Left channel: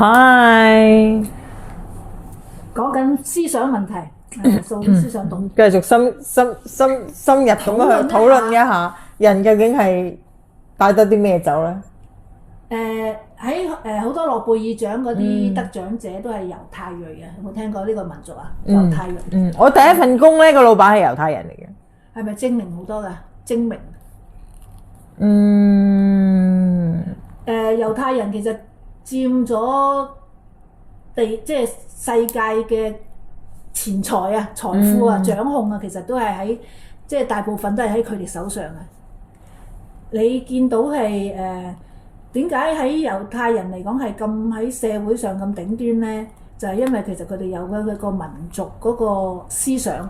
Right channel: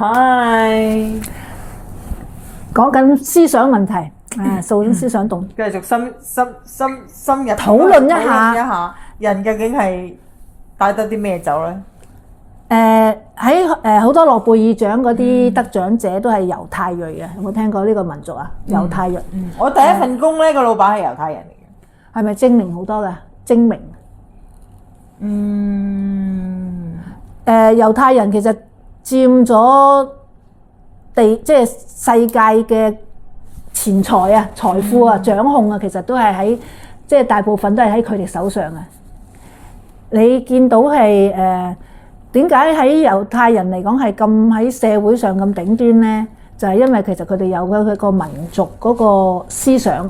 係講緊思想問題，掃咗思想洞，繼續深入討論一下討論一下人究竟係帶得啲咩走咧？喺好多諾貝爾獎嗰啲得獎者都係猶太裔嘅，有冇聽過呢個民族啊？猶太裔，我第一份工咧個老闆係猶太人嚟嘅，係咪精明好多嘅？精明，猶太人其實佔咗即係世界嘅錢財啊、財富啊、掌控啊，其實都係喺即係大部分都係喺佢哋手上嘅。你見到係點解喺猶太人嚟講係咁喺社會上咁頂端呢？就係因為其實佢哋有佢個民族嗰個思想。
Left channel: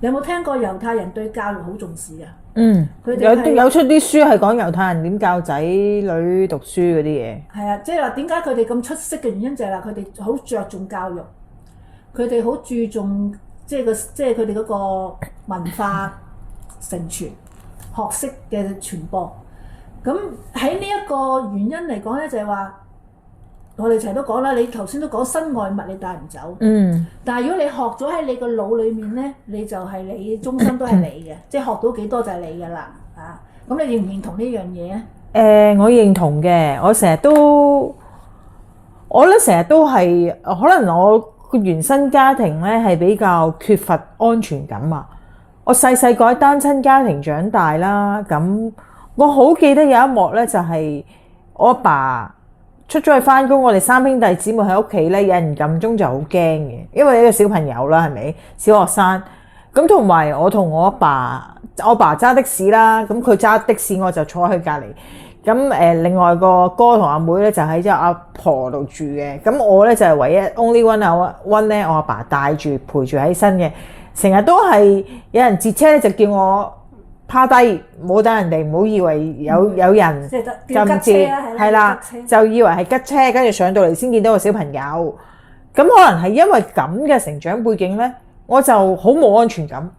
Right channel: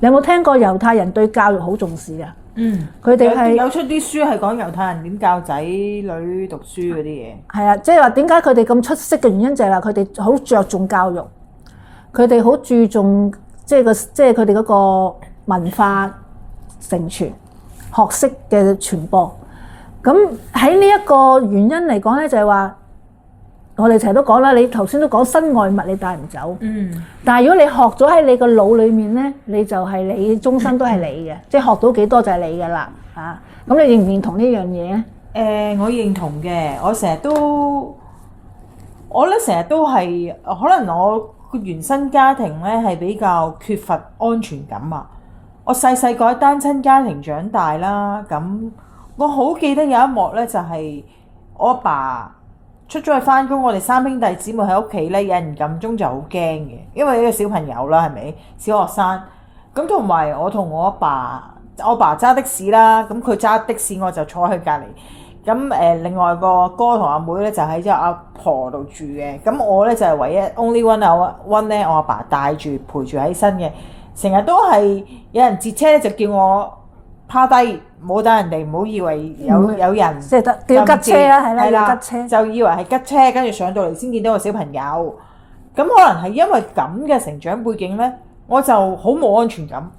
你有冇聽過猶太人對教育好重視啊？佢哋係有出啲書係講猶太人點教仔女讀書嗰啲嘢。係啊，即係話點解佢哋咁出色嘅原因就係話佢哋好着重教育，佢哋好注重即係佢哋嗰個文化承傳、學識嘅傳播。咁喺呢一個原因嚟講咧，就係話我哋成日都講啦，你頭先都講身外物你帶唔走，但係如果你學咗喺你個腦裡面咧，你就係你終身都係你嘅，即係學到幾多就係你嘅啦嚇。咁你認唔認同呢樣嘢咧？我認同嘅，我咧成日都係可能我個原生家庭咧係比較缺乏安全感啊。我細個喺單親家庭長大啦，咁我好記得有一幕咧，就係我阿爸出咗去返工，我哋三兄弟姊妹喺屋企咧，有人撳鐘就好驚嘅，因為一個小朋友啦，係咪小學生咁？同埋我同我阿爸揸的士啦，咁佢揸的士，我就坐喺佢隔離。咁另外個哥同阿妹咧就喺阿婆度住嘅，咁我咧就係唯一 only one 咧，我阿爸帶住陪住喺身嘅，成日都係有人截車就叫我趴低，唔好等人哋，唔好以為有人即係叫吉車啦，係啦，吉車就以為係吉車，跟住上到嚟先見到個小朋友。咁可能係因為咁嘅成長背景咧，我就好冇安全感。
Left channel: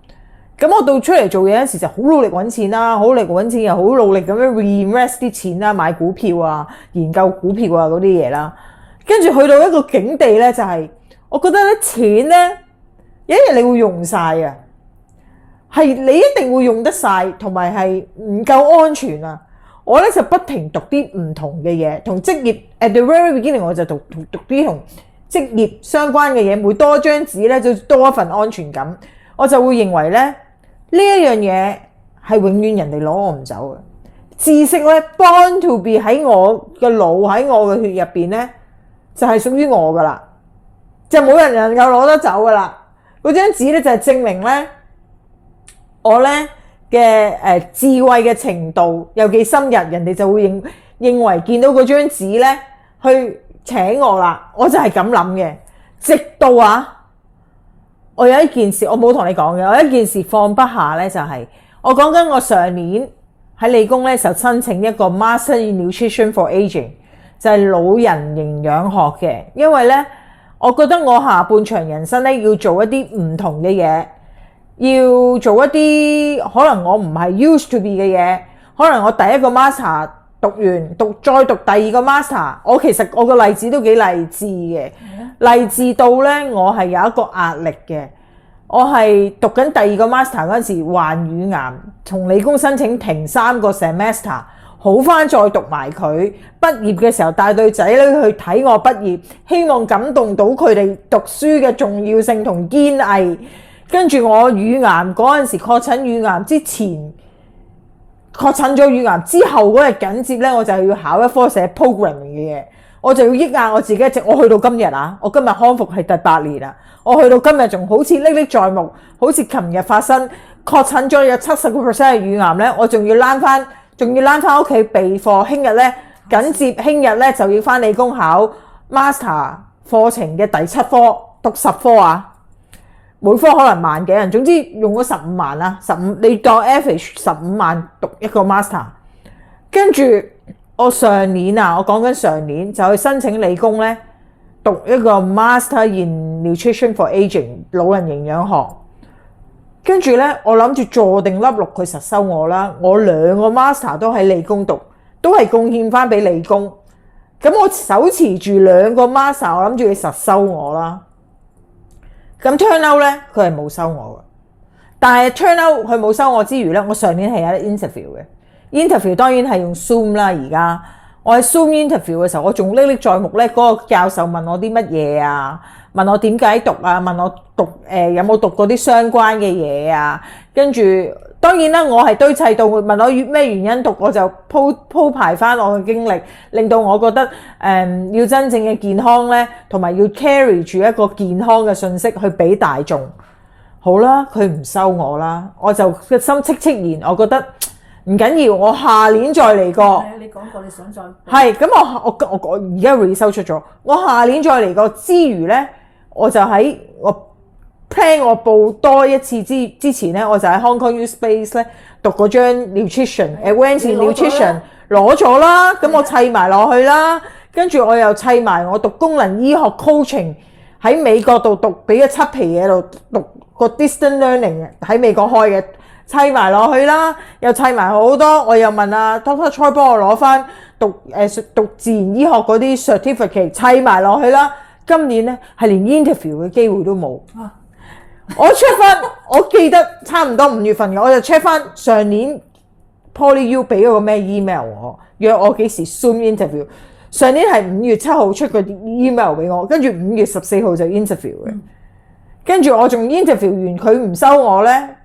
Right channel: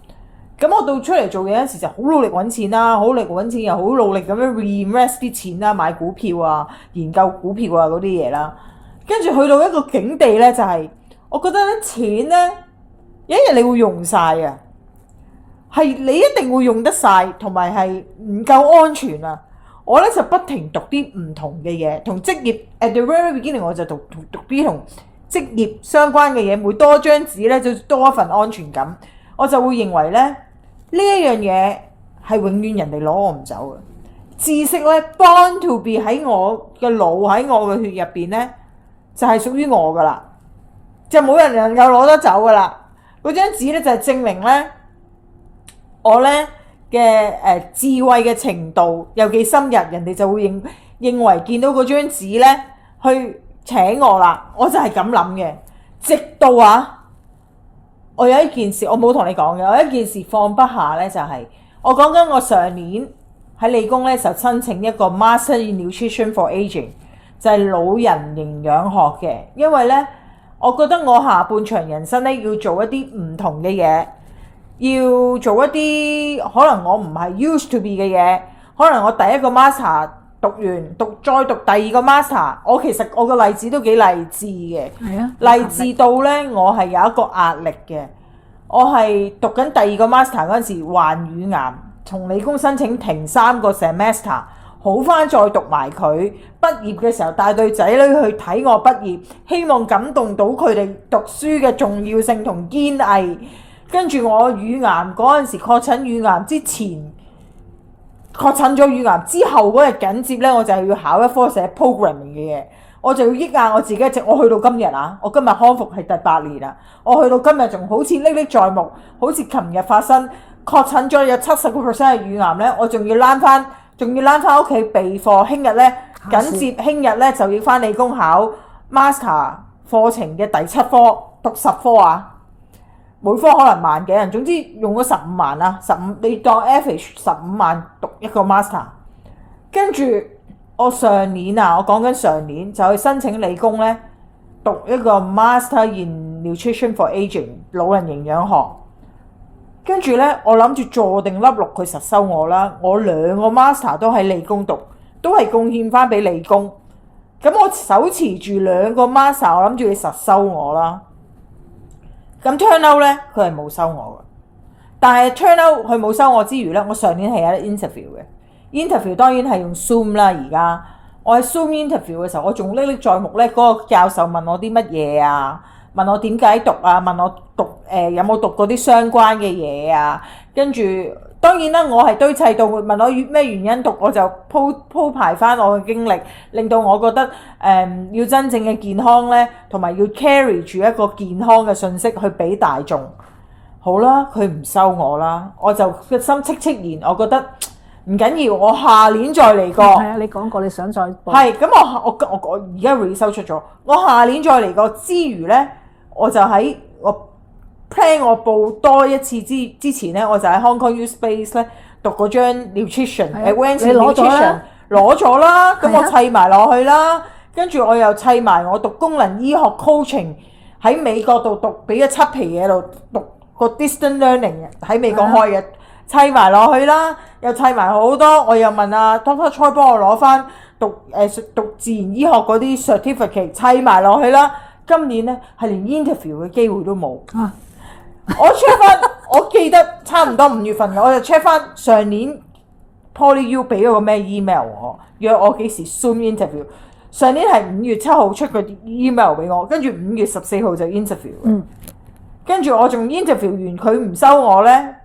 咁我到出嚟做嘢嗰時就好努力揾錢啦，好努力揾錢又好努力咁樣 reinvest 啲錢啦，買股票啊、研究股票啊嗰啲嘢啦。跟住去到一個境地咧，就係我覺得咧錢咧有一日你會用晒啊！係你一定會用得晒，同埋係唔夠安全啊！我咧就不停讀啲唔同嘅嘢，同職業 at the very beginning 我就讀啲同職業相關嘅嘢，每多一張紙咧就多一份安全感。我就會認為咧呢一樣嘢係永遠人哋攞我唔走嘅。知識咧 born to be 喺我嘅腦喺我嘅血入邊咧就係屬於我噶啦，就冇人能夠攞得走噶啦。嗰張紙咧就係證明咧我咧嘅智慧嘅程度有幾深入，人哋就會認為見到嗰張紙咧去請我啦。我就係咁諗嘅，直到我有一件事我冇同你講嘅，我有一件事放不下咧，就係我講緊我上年喺理工咧就申請一個 Master in Nutrition for Aging， 就係老人營養學嘅。因為咧我覺得我下半場人生咧要做一啲唔同嘅嘢，要做一啲可能我唔係 used to be 嘅嘢。可能我第一個 master 讀完再讀第二個 master， 我其實我個例子都幾勵志嘅，勵志到咧我係有一個壓力嘅。我係讀緊第二個 master 嗰陣時患乳癌，同理工申請停3個 semester， 好翻再讀埋佢。畢業嘅時候帶對仔女去睇我畢業，希望感動到佢哋讀書嘅重要性同堅毅。跟住我乳癌嗰陣時確診乳癌之前，確診咗乳癌之後嗰日緊接咧，我就要考一科寫 programming 嘅嘢，我就要抑壓我自己一直。我去到今日我今日康復係第8年啦，我去到今日仲好似歷歷在目，好似琴日發生確診咗有70% 嘅乳癌咧，我仲要躝翻屋企備課，聽日咧緊接聽日咧就要翻理工考 master 課程嘅第7科，讀10科每科可能萬幾人，總之用咗15萬啦，15你當 average 15萬讀一個 master。跟住我上年我講緊上年就去申請理工咧，讀一個 Master in Nutrition for Aging 老人營養學。跟住咧我諗住坐定粒六佢實收我啦。我2個 master 都喺理工讀，都係貢獻翻俾理工。咁我手持住2個 master， 我諗住佢實收我啦。咁 turn out 咧，佢係冇收我嘅。但係 turn out 佢冇收我之餘咧，我上年係有得 interview 嘅。interview 當然係用 Zoom 啦。而家我喺 Zoom interview 嘅時候，我仲歷歷在目咧。嗰個教授問我啲乜嘢啊？問我點解讀啊？問我讀有冇讀過啲相關嘅嘢啊？跟住當然啦，我係堆砌到問我咩原因讀，我就鋪排翻我嘅經歷，令到我覺得要真正嘅健康咧，同埋要 carry 住一個健康嘅信息去俾大眾。好啦，佢唔收我啦，我就個心戚然，我覺得唔緊要，我下年再嚟過。係啊，你講過你想再報。係咁，我而家 research 出咗，我下年再嚟過之餘咧，我就喺我 plan 我報多一次之前咧，我就喺 Hong Kong U Space 咧讀嗰張 nutrition，advanced nutrition 攞咗啦，咁我砌埋落去啦，跟住我又砌埋我讀功能醫學 coaching 喺美國度讀，俾咗7皮嘢度讀個 distant learning 喺美國開嘅，砌埋落去啦，又砌埋好多，我又問阿 Dr. Choi 幫我攞翻讀自然醫學嗰啲 certificate 砌埋落去啦。今年咧係連 interview 嘅機會都冇。我 check 翻，我記得差唔多5月份嘅，我就 check 翻上年 PolyU 俾咗個咩 email 我，約我幾時 Zoom interview。上年係5月7號出個 email 俾我，跟住5月14號就 interview。跟住我仲 interview 完，佢唔收我咧，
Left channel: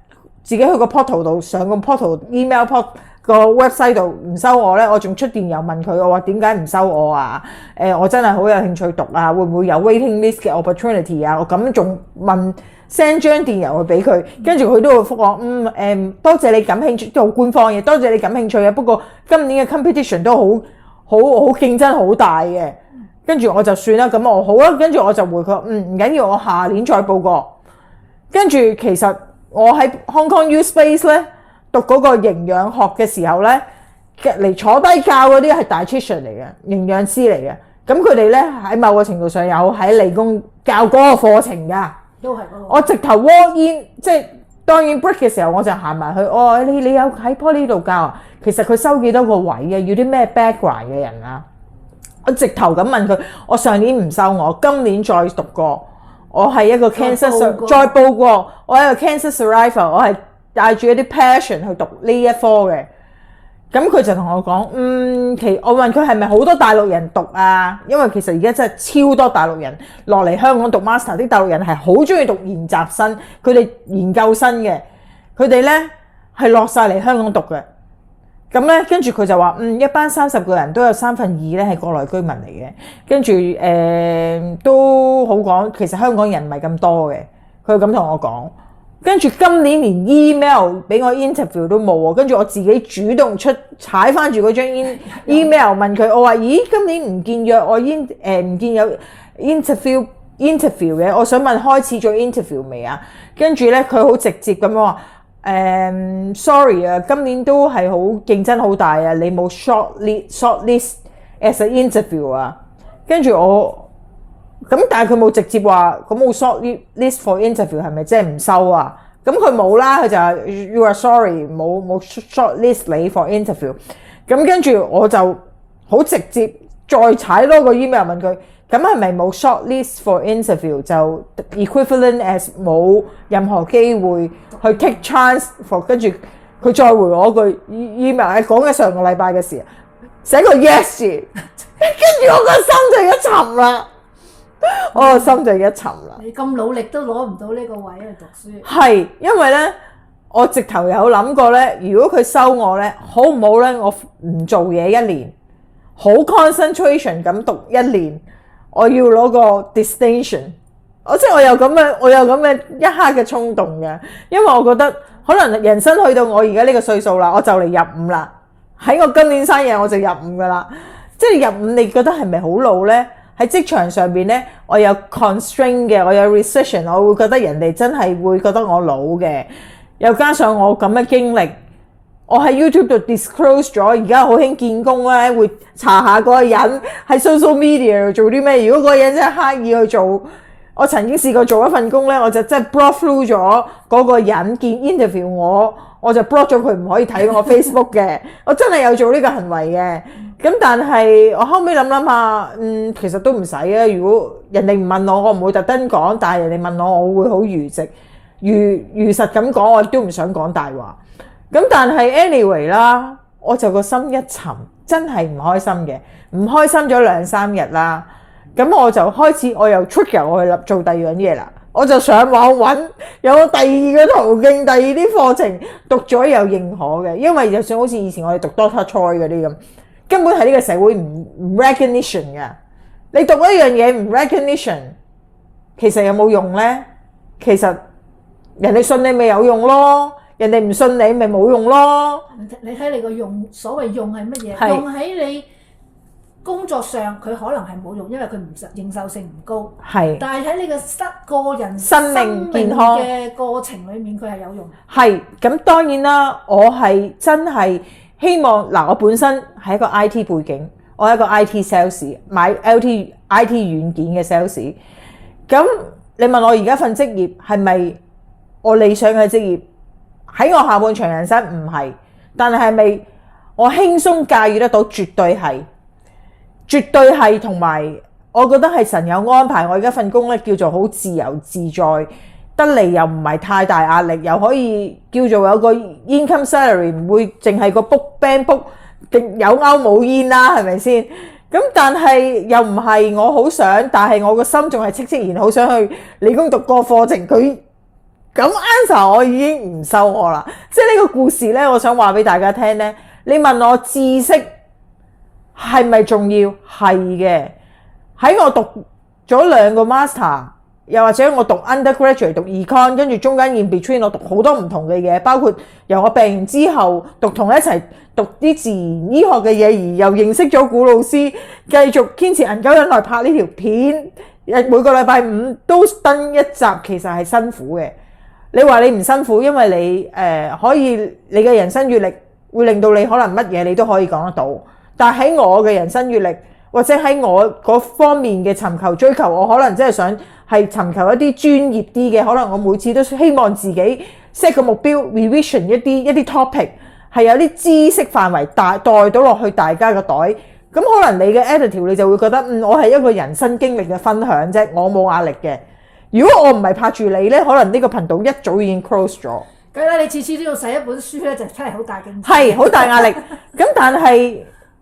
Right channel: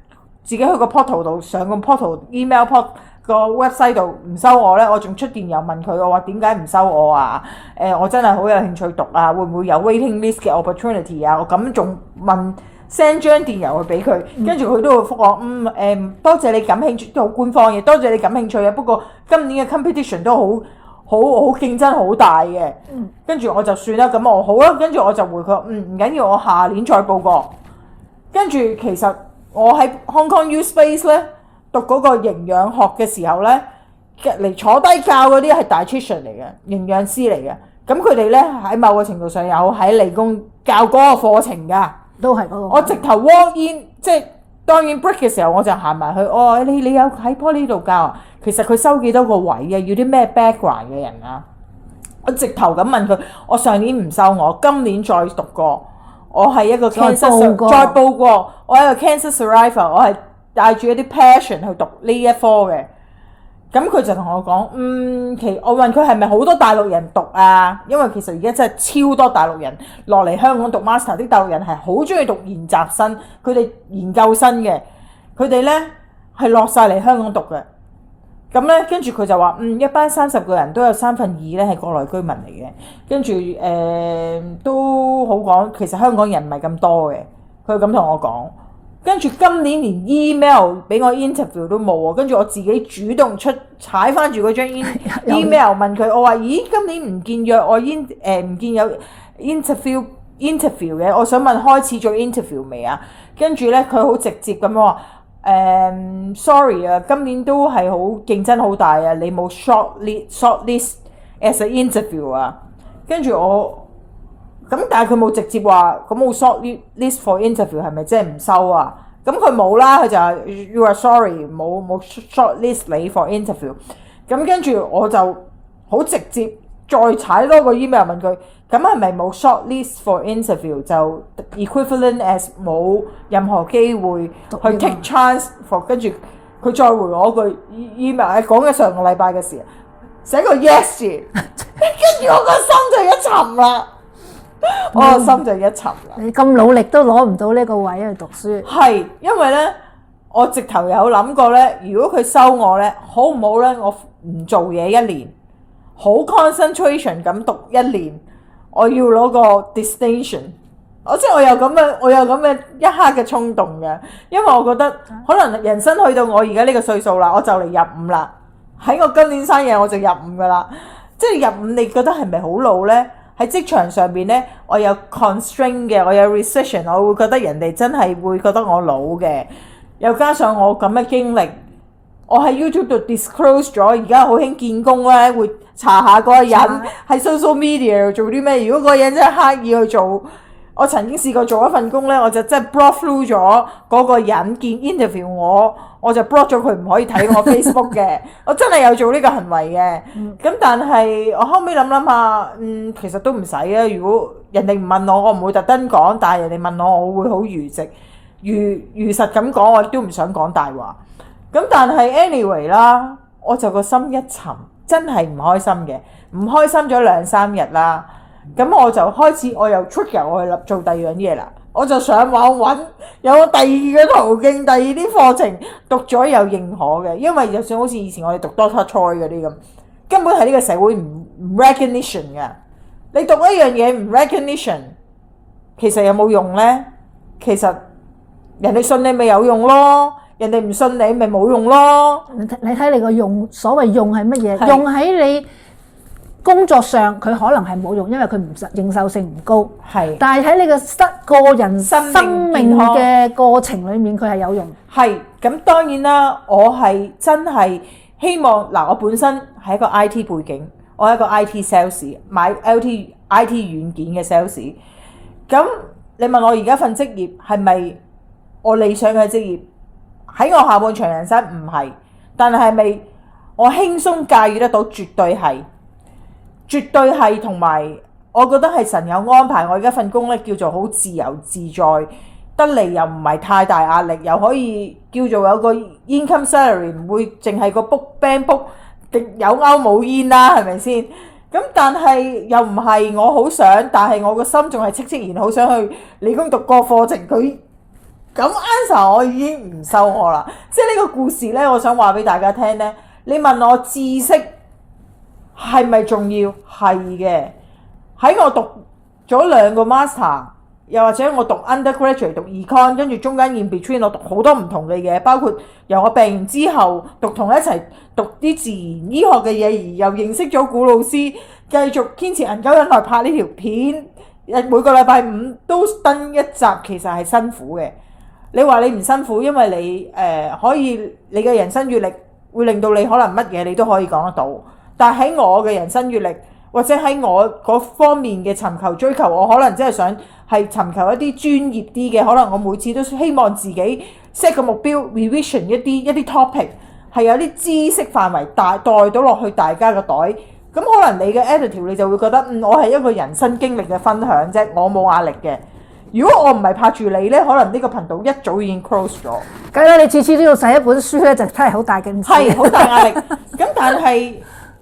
自己去個 portal 度上個 portal email port 個 website 度唔收我咧，我仲出電郵問佢，我話點解唔收我啊？我真係好有興趣讀啊，會唔會有 waiting list 嘅 opportunity 啊？我咁仲問 send 張電郵去俾佢，跟住佢都會覆我，多謝你感興趣，都好官方嘅，多謝你感興趣啊。不過今年嘅 competition 都好競爭好大嘅，跟住我就算啦，咁我好啦，跟住我就回佢，唔緊要，我下年再報過。跟住其實我喺 Hong Kong U Space 咧讀嗰個營養學嘅時候咧，嚟坐低教嗰啲係 dietitian 嚟嘅，營養師嚟嘅。咁佢哋咧喺某個程度上有喺理工教嗰個課程㗎，都係嗰個。我直頭 walk in， 即係當然 break 嘅時候我就行埋去，你有喺 Poly 度教啊？其實佢收幾多個位啊？要啲咩 background 嘅人啊？我直頭咁問佢，我上年唔收我，今年再讀過，我係一個 cancer 再報過，我係一個 cancer survivor， 我係帶住一啲 passion 去讀呢一科嘅。咁佢就同我講，我問佢係咪好多大陸人讀啊？因為其實而家真係超多大陸人落嚟香港讀 master， 啲大陸人係好中意讀研習生，佢哋研究生嘅，佢哋咧係落晒嚟香港讀嘅。咁咧，跟住佢就話，一班30個人都有2/3咧係國內居民嚟嘅，跟住都好講，其實香港人唔係咁多嘅，佢咁同我講。跟住今年連 email 俾我 interview 都冇喎，跟住我自己主動踩翻住嗰張 email 問佢，我話：咦，今年唔見約我唔見有 interview 嘅，我想問開始做 interview 未啊？跟住咧佢好直接咁話。sorry 啊，今年都係好競爭好大啊，你冇 short list as an interview 啊，跟住我咁，但係佢冇直接話咁冇 short list for interview 係咪即係唔收啊？咁佢冇啦，佢就話 you are sorry 冇 short list 你 for interview。咁跟住我就好直接再踩多個 email 問佢。咁係咪冇 short list for interview 就 equivalent as 冇任何機會去 take chance for？ 跟住佢再回我句 email， 講緊上個禮拜嘅事，寫個 yes 字，跟住我個心就一沉啦，我個心就一沉啦。你咁努力都攞唔到呢個位去讀書。係因為咧，我直頭有諗過咧，如果佢收我咧，好唔好咧？我唔做嘢1年，好 concentration 咁讀1年。我要攞個 distinction， 即係我有咁嘅一刻嘅衝動嘅，因為我覺得可能人生去到我而家呢個歲數啦，我就嚟入5啦，喺我今年生日我就入5噶啦，即係入5，你覺得係咪好老呢？喺職場上邊呢，我有 constraint 嘅，我有 recession， 我會覺得人哋真係會覺得我老嘅，又加上我咁嘅經歷。我喺 YouTube 度 disclose 咗，而家好興見工咧，會查下嗰個人喺 social media 度做啲咩。如果嗰個人真係刻意去做，我曾經試過做一份工咧，我就真係 block through 咗嗰個人見 interview我就 block 咗佢唔可以睇我 Facebook 嘅，我真係有做呢個行為嘅。咁但係我後尾諗下，其實都唔使啊。如果人哋唔問我唔會特登講，但係人哋問我會好如實咁講，我亦都唔想講大話。咁但係 anyway 啦，我就個心一沉，真係唔開心嘅，唔開心咗2-3日啦。咁我就開始，我又 trigger 我去做第二樣嘢啦。我就上網揾有第二個途徑，第二啲課程讀咗又認可嘅，因為就算好似以前我哋讀 Doctor Choi 嗰啲咁，根本係呢個社會唔 recognition 嘅。你讀一樣嘢唔 recognition， 其實有冇用呢？其實人哋信你咪有用咯，人哋唔信你咪冇用咯。你睇你個用，所謂用係乜嘢？用喺你工作上佢可能係冇用，因為佢唔認受性唔高。係，但係喺你個人生命嘅過程裡面，佢係有用。係，咁當然啦，我係真係希望嗱，我本身係一個 IT 背景，我係一個 IT sales， 買 IT 軟件嘅 sales。咁你問我而家份職業係咪我理想嘅職業？喺我下半場人生唔係，但係咪我輕鬆駕馭得到？絕對係。絕對係，同埋我覺得係神有安排。我而家份工咧叫做好自由自在，得嚟又唔係太大壓力，又可以叫做有個 income salary， 唔會淨係個 band book 有勾冇煙啦，係咪先？咁但係又唔係我好想，但係我個心仲係戚然好想去理工讀個課程。佢咁 answer 我已經唔收我啦。即係呢個故事咧，我想話俾大家聽咧。你問我知識係咪重要？係嘅。喺我讀咗2個 master， 又或者我讀 undergraduate 讀 econ， 跟住中間 in between 我讀好多唔同嘅嘢，包括由我病完之後讀同一齊讀啲自然醫學嘅嘢，而又認識咗古老師，繼續堅持銀九引來拍呢條片，每個禮拜5都登一集，其實係辛苦嘅。你話你唔辛苦，因為你可以你嘅人生閱歷會令到你可能乜嘢你都可以講得到。但喺我嘅人生閱歷，或者喺我嗰方面嘅尋求追求，我可能真係想係尋求一啲專業啲嘅，可能我每次都希望自己 set 個目標 revision 一啲 topic， 係有啲知識範圍帶到落去大家嘅袋。咁可能你嘅 attitude 你就會覺得我係一個人生經歷嘅分享啫，我冇壓力嘅。如果我唔係拍住你呢，可能呢個頻道一早已經 close 咗。梗係你次次都要寫一本書呢，就真係好大件事，係好大壓力。咁但係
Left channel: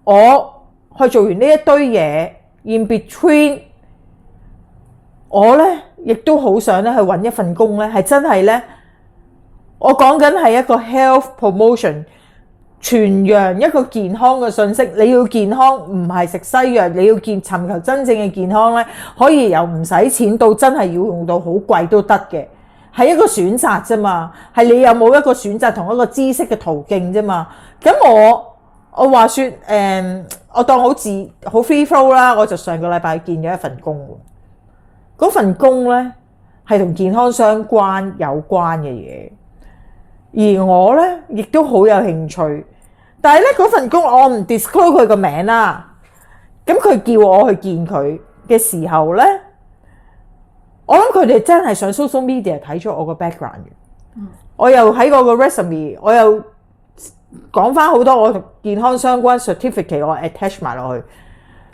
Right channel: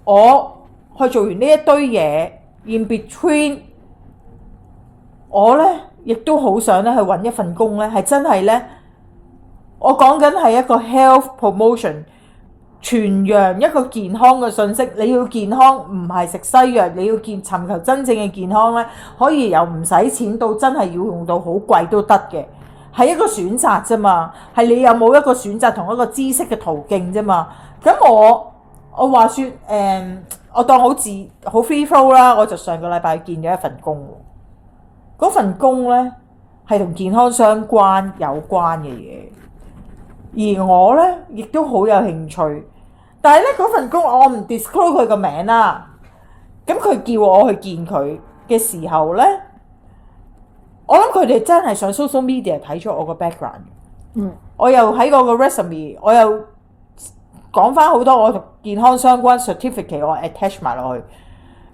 我去做完呢一堆嘢 in between， 我呢亦都好想咧去揾一份工呢，係真係呢。我講緊係一個 health promotion， 傳揚一個健康嘅信息。你要健康唔係食西藥，你要尋求真正嘅健康呢，可以由唔使錢到真係要用到好貴都得嘅，係一個選擇啫嘛。係你有冇一個選擇同一個知識嘅途徑啫嘛。咁我話說我當好 free flow 啦，我就上個禮拜見咗一份工。嗰份工呢係同健康相關有關嘅嘢，而我呢亦都好有興趣。但係呢嗰份工我唔 disclose 佢個名啦。咁佢叫我去見佢嘅時候呢，我諗佢哋真係上 social media 睇咗我個 background 嘅。我又喺我個 resume， 我又講翻好多我同健康相關 certificate， 我 attach 埋落去。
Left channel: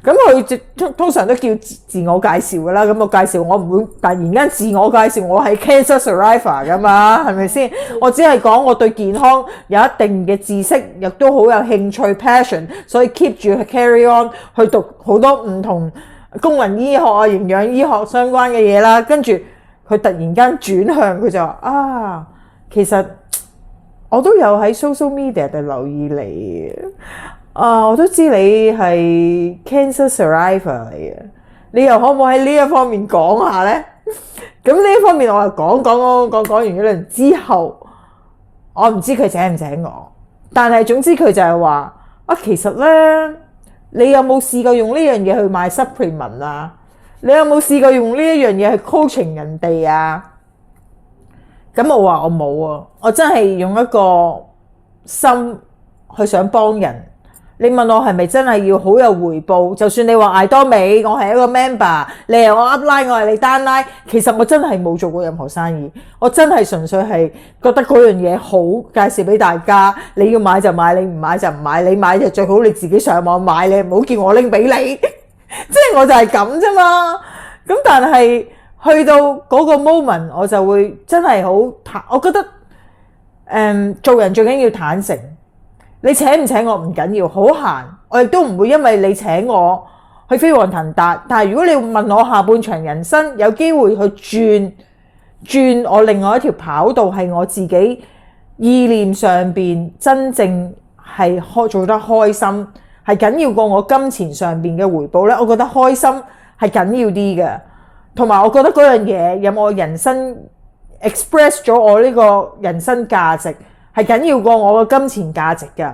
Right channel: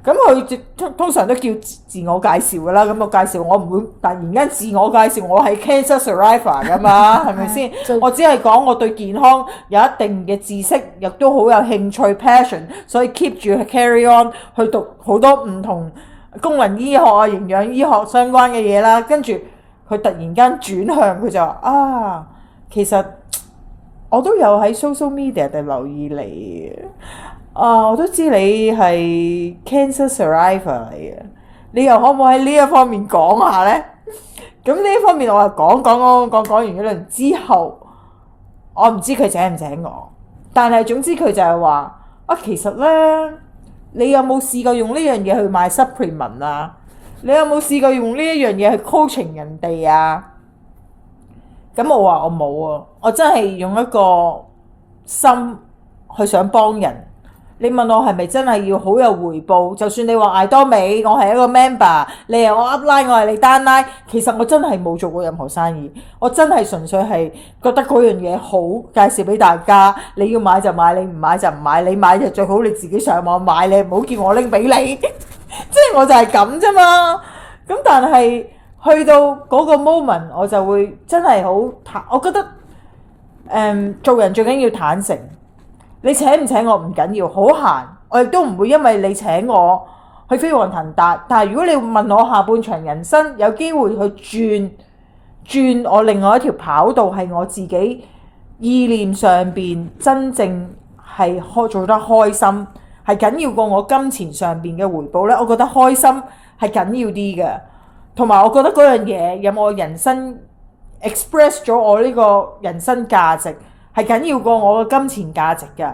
咁佢通常都叫自我介紹噶啦。咁我介紹我唔會突然間自我介紹我係 cancer survivor 噶嘛，係咪先？我只係講我對健康有一定嘅知識，亦都好有興趣 passion， 所以 keep 住 carry on 去讀好多唔同功能醫學啊、營養醫學相關嘅嘢啦。跟住佢突然間轉向，佢就話其實我都有喺 social media 度留意你我都知你係 cancer survivor 嚟嘅，你又可唔可以喺呢一方面講下呢？咁呢一方面我就講完嗰輪之後，我唔知佢請唔請我，但係總之佢就係話其實呢，你有冇試過用呢樣嘢去買 supplement 啊？你有冇試過用呢一樣嘢去 coaching 人哋啊？咁我話我冇啊，我真係用一個心去想幫人。你問我係咪真係要好有回報？就算你話艾多美，我係一個 member， 你係我 upline， 我係你 downline， 其實我真係冇做過任何生意，我真係純粹係覺得嗰樣嘢好，介紹俾大家。你要買就買，你唔買就唔買。你買就最好你自己上網買，你唔好叫我拎俾你。即係我就係咁啫嘛。咁但係去到嗰個 moment， 我就會真係好，我覺得做人最緊要坦誠。你請唔請我唔緊要，好閒，我亦都唔會因為你請我去飛黃騰達。但係如果你問我下半場人生有機會去轉我另外一條跑道，係我自己意念上邊真正係做得開心，係緊要過我金錢上邊嘅回報呢，我覺得開心係緊要啲嘅。同埋我覺得嗰樣嘢有冇人生 express 咗我呢個人生價值，係緊要過我嘅金錢價值㗎。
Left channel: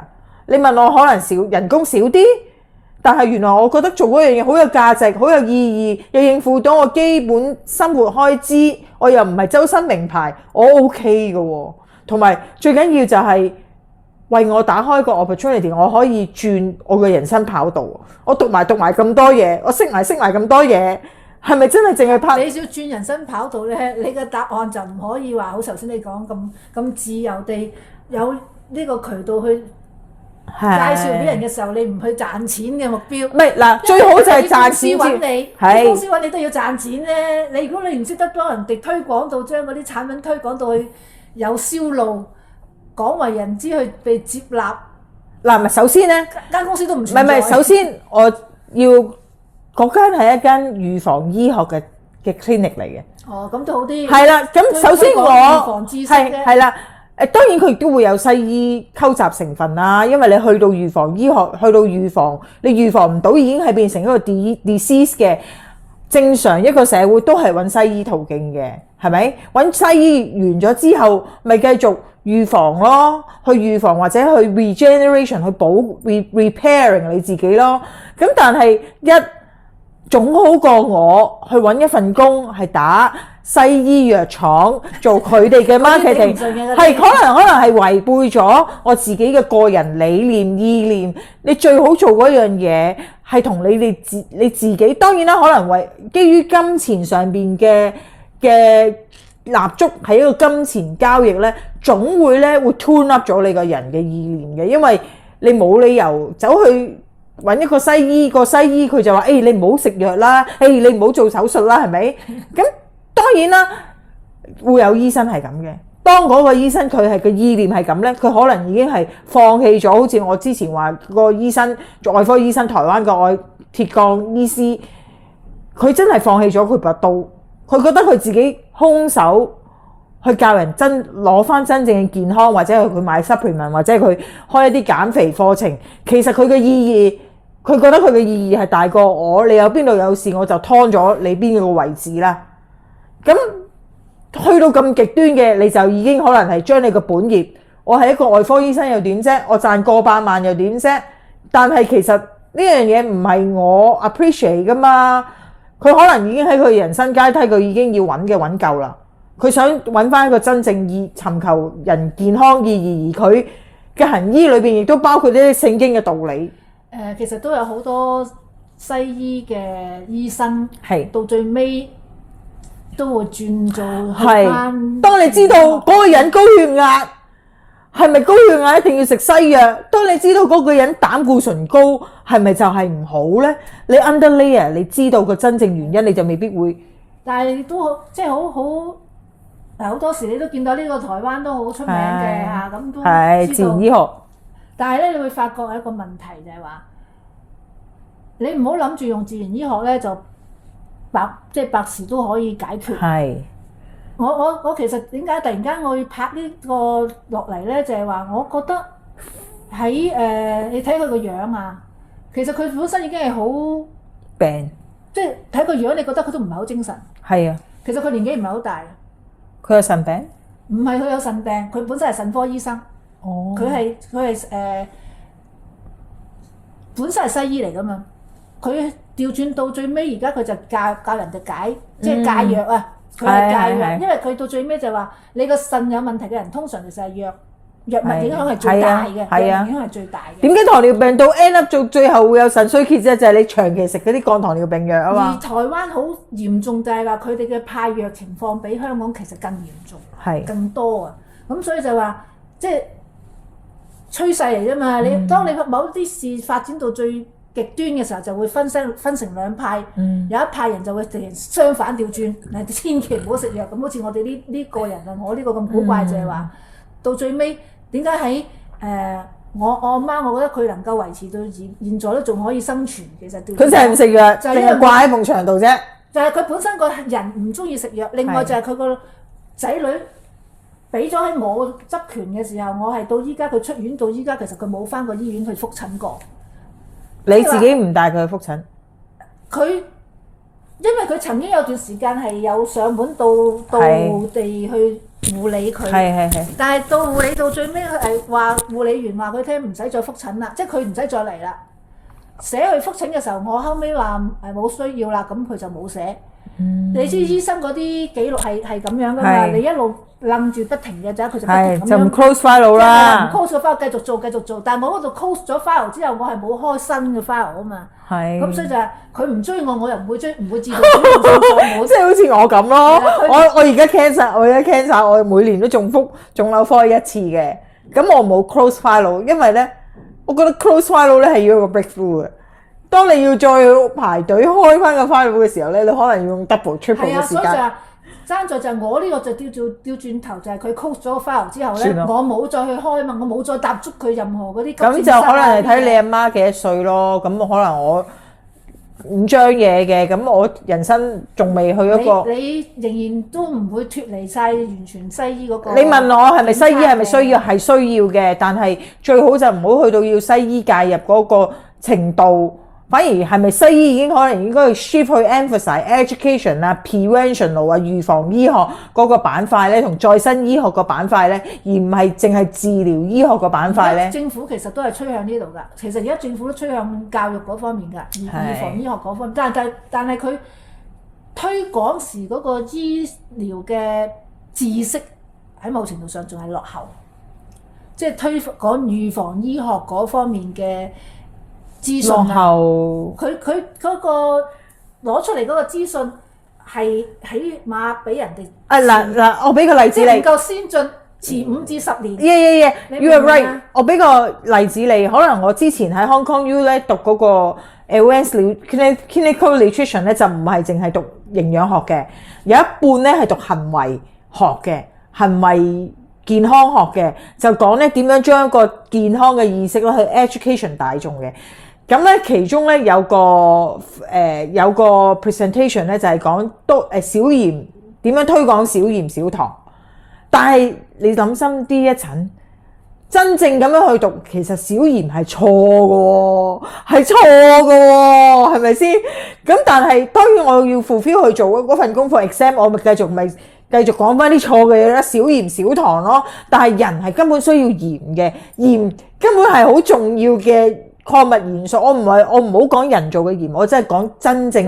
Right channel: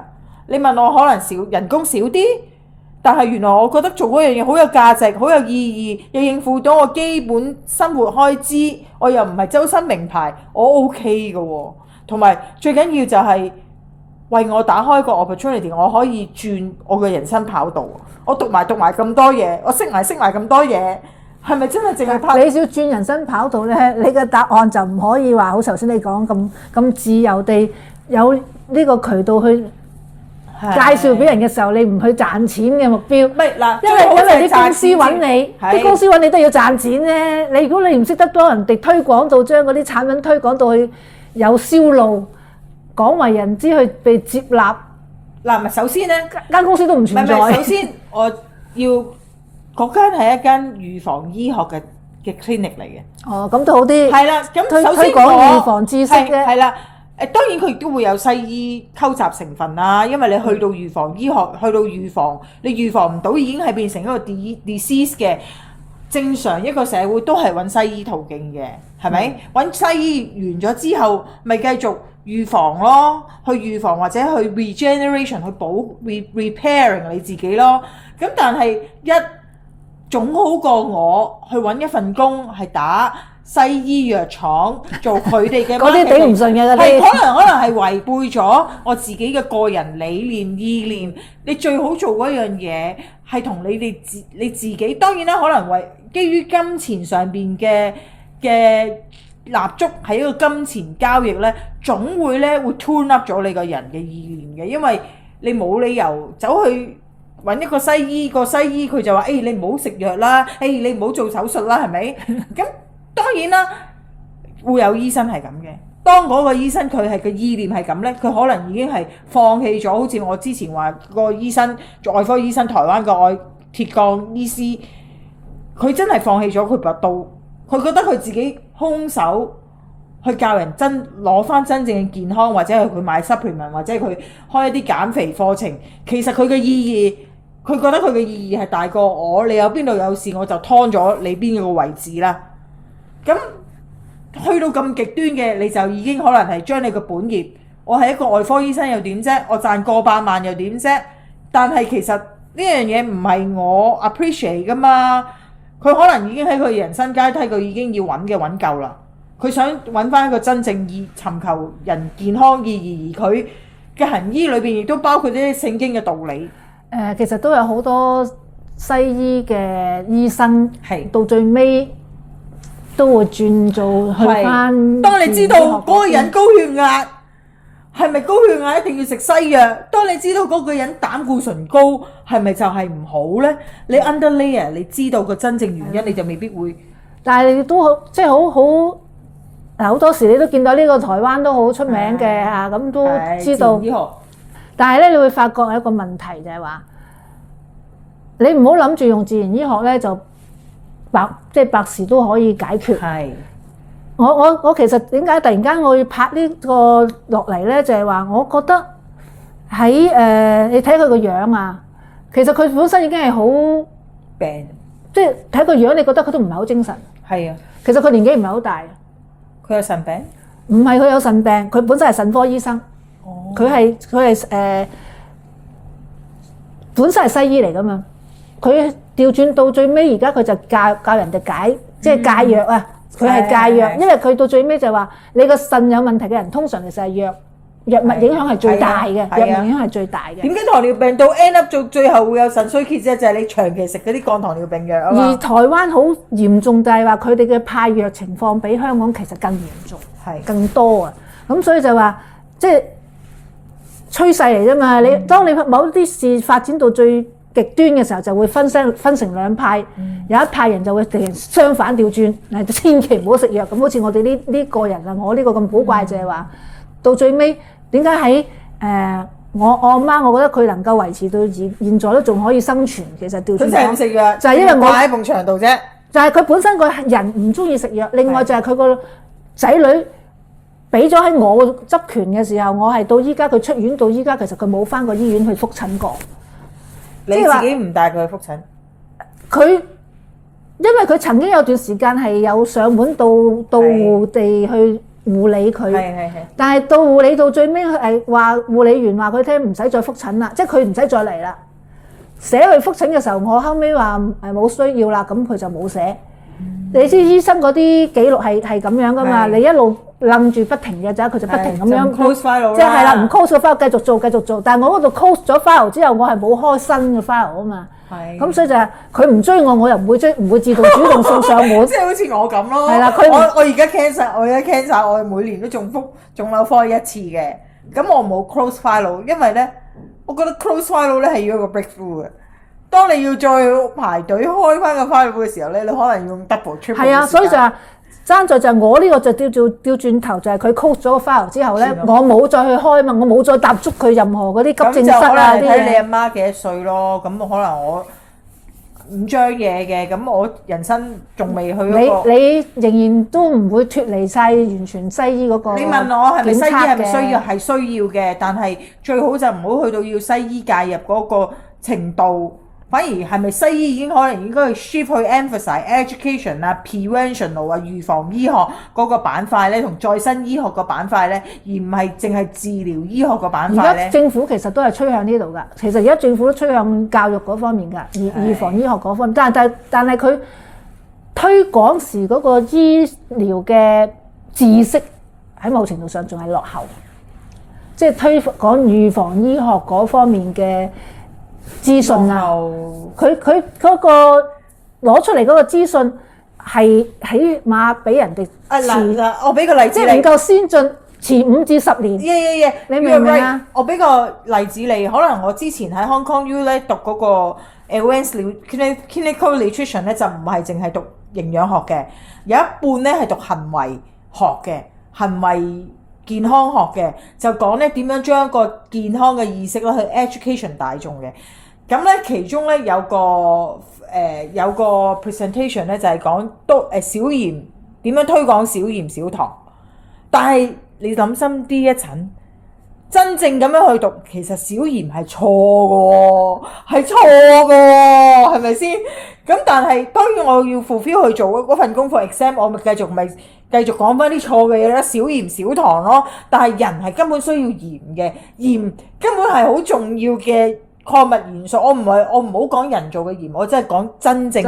你問我可能人工少啲，但係原來我覺得做嗰樣嘢好有價值，好有意義，又應付到我基本生活開支，我又唔係周身名牌，我 OK 嘅喎。同埋最緊要就係為我打開個 opportunity， 我可以轉我嘅人生跑道。我讀埋咁多嘢，我識埋咁多嘢，係咪真係淨係拍？你要轉人生跑道咧，你嘅答案就唔可以話好頭先你講咁自由地有呢個渠道去介紹俾人嘅時候，你唔去賺錢嘅目標。唔係嗱，最好就係啲公司揾你，啲公司揾你都要賺錢咧。你如果你唔識得幫人哋推廣到，將嗰啲產品推廣到去有銷路，廣為人知，去被接納。嗱，咪首先咧，間公司都唔存在。唔係，首先我要嗰間係一間預防醫學嘅 clinic 嚟嘅。哦，咁都好啲。係啦，咁首先我預防知識咧，係啦。當然佢亦都會有西醫溝雜成分啦，因為你去到預防醫學，去到預防，你預防唔到已經係變成一個 disease 嘅。正常一個社會都係揾西醫途徑嘅，係咪？揾西醫完咗之後，咪繼續預防咯，去預防或者去 regeneration 去repairing 你自己咯。咁但係總好過我去揾一份工係打西醫藥廠做佢哋嘅 marketing， 頂唔順嘅，係可能係違背咗我自己嘅個人理念意念。你最好做嗰樣嘢係同你自己，當然啦，可能為基於金錢上邊嘅立足係一個金錢交易咧，總會 turn up 咗你個人嘅意念嘅，因為你冇理由走去揾一個西醫，個西醫佢就話：你唔好食藥啦，你唔好做手術啦，係咪？咁當然啦，會有醫生係咁嘅。當嗰個醫生佢係個意念係咁呢，佢可能已經係放棄咗。好似我之前話個醫生，外科醫生，台灣個鐵鋼醫師，佢真係放棄咗佢把刀，佢覺得佢自己空手去教人攞翻真正嘅健康，或者係佢買 supplement， 或者係佢開一啲減肥課程。其實佢嘅意義，佢覺得佢嘅意義係大過我。你有邊度有事，我就劏咗你邊個位置啦。咁去到咁極端嘅，你就已經可能係將你個本業，我係一個外科醫生又點啫？我賺過百萬又點啫？但係其實呢樣嘢唔係我 appreciate 噶嘛。佢可能已經喺佢人生階梯，佢已經要揾夠啦。佢想揾翻一個真正尋求人健康意義，而佢嘅行醫裏邊亦都包括啲聖經嘅道理。其實都有好多西醫嘅醫生係到最尾都會轉做去翻。當你知道嗰個人高血壓，係咪高血壓一定要食西藥？當你知道嗰個人膽固醇高，係咪就係唔好呢？你 underlayer， 你知道個真正原因，你就未必會。但係你都好，即係好好多時你都見到呢個台灣都好出名嘅嚇，咁都知道。自然醫學。但係咧，你會發覺有一個問題就係話，你唔好諗住用自然醫學咧就百事都可以解決。係。我其實點解突然間我要拍呢個落嚟咧？就係話我覺得喺你睇佢個樣啊，其實佢本身已經係好病，即係睇個樣，你覺得佢都唔係好精神。係啊，其實佢年紀唔係好大。佢有腎病？唔係，佢有腎病，佢本身係腎科醫生。哦。佢係本身係西醫嚟㗎嘛。佢調轉到最尾，而家佢就教人哋解，即係戒藥啊。佢係戒藥，因為佢到最尾就話你個腎有問題嘅人，通常其實係藥物影響係最大嘅，係啊藥物影響係最大嘅。點解糖尿病到 end up 到最後會有腎衰竭啫？就係你長期食嗰啲降糖尿病藥啊而嘛。台灣好嚴重就係話佢哋嘅派藥情況比香港其實更嚴重，係更多啊！咁所以就話即係趨勢嚟啫嘛。你當你某啲事發展到最極端嘅時候，就會分成兩派，有一派人就會突然相反調轉，千祈唔好食藥。咁好似我哋呢個人啊，我呢個咁古怪就係話，到最尾點解喺我阿媽，我覺得佢能夠維持到現在都仲可以生存，其實調轉佢成日唔食藥，就係因為我掛喺埲牆度啫。就係佢本身個人唔中意食藥，另外就係佢個仔女俾咗喺我執權嘅時候，我係到依家佢出院到依家，其實佢冇返過醫院去覆診過。你自己唔帶佢去覆診？佢因為佢曾經有段時間係有上門到戶地去護理佢，係。但係到護理到最尾係話護理員話佢聽唔使再覆診啦，即係佢唔使再嚟啦。寫去覆診嘅時候，我後尾話冇需要啦，咁佢就冇寫。你知醫生嗰啲記錄係咁樣噶嘛？你一路愣住不停嘅啫，佢就不停咁樣。就唔 close file 啦。即係啦，唔 close 個 file 繼續做。但係我嗰度 close 咗 file 之後，我係冇開新嘅 file 啊嘛。係。咁所以就係佢唔追我，我又唔會追，唔會自動主動送上門。即係好似我咁咯。係啦，我而家 cancer，我每年都中覆腫瘤科一次嘅。咁我冇 close file，因為咧，我覺得 close file 咧係要一個 breakthrough 嘅。當你要再排隊開翻個 file 嘅時候咧，你可能要用 double triple 嘅時間。係啊，所以就係爭在就係我呢個就調轉頭，就係佢 close 咗個 file 之後咧，我冇再去開嘛，我冇再踏足佢任何嗰啲急症室啊啲嘢。咁就可能睇你阿媽幾多歲咯。咁可能我5張嘢嘅，咁我人生仲未去一個。你仍然都唔會脫離晒完全西醫嗰個。你問我係咪西醫係咪需要？係需要嘅，但係最好就唔好去到要西醫介入嗰個程度。反而係咪西醫已經可能應該去 shift 去 emphasize education 啊、prevention 啊、預防醫學嗰個板塊咧，同再生醫學個板塊咧，而唔係淨係治療醫學個板塊咧。而家政府其實都係趨向呢度㗎。其實而家政府都趨向教育嗰方面㗎，預防醫學嗰方面。但係佢推廣時嗰個醫療嘅知識喺某程度上仲係落後，即係推廣預防醫學嗰方面嘅資訊啊，佢嗰個攞出嚟嗰個資訊係起碼俾人哋嗱，我俾個例子你，即係能夠先進遲5至10年。你明唔明啊？我俾個例子你，可能我之前喺 Hong Kong U 咧讀嗰個 Advanced Clinical Nutrition 咧，就唔係淨係讀營養學嘅，有一半咧係讀行為學嘅，行為健康學嘅，就講咧點樣將一個健康嘅意識咧去 education 大眾嘅。咁咧其中咧有個 presentation 咧就係講小鹽點樣推廣小鹽小糖，但係你諗深啲一層，真正咁樣去讀，其實小鹽係錯嘅，係咪先？咁但係當然我要 fulfill 去做嗰份功課 exam， 我咪繼續講翻啲錯嘅嘢啦，小鹽小糖咯。但係人係根本需要鹽嘅，鹽根本係好重要嘅礦物元素。我唔好講人造嘅鹽，我真係講真正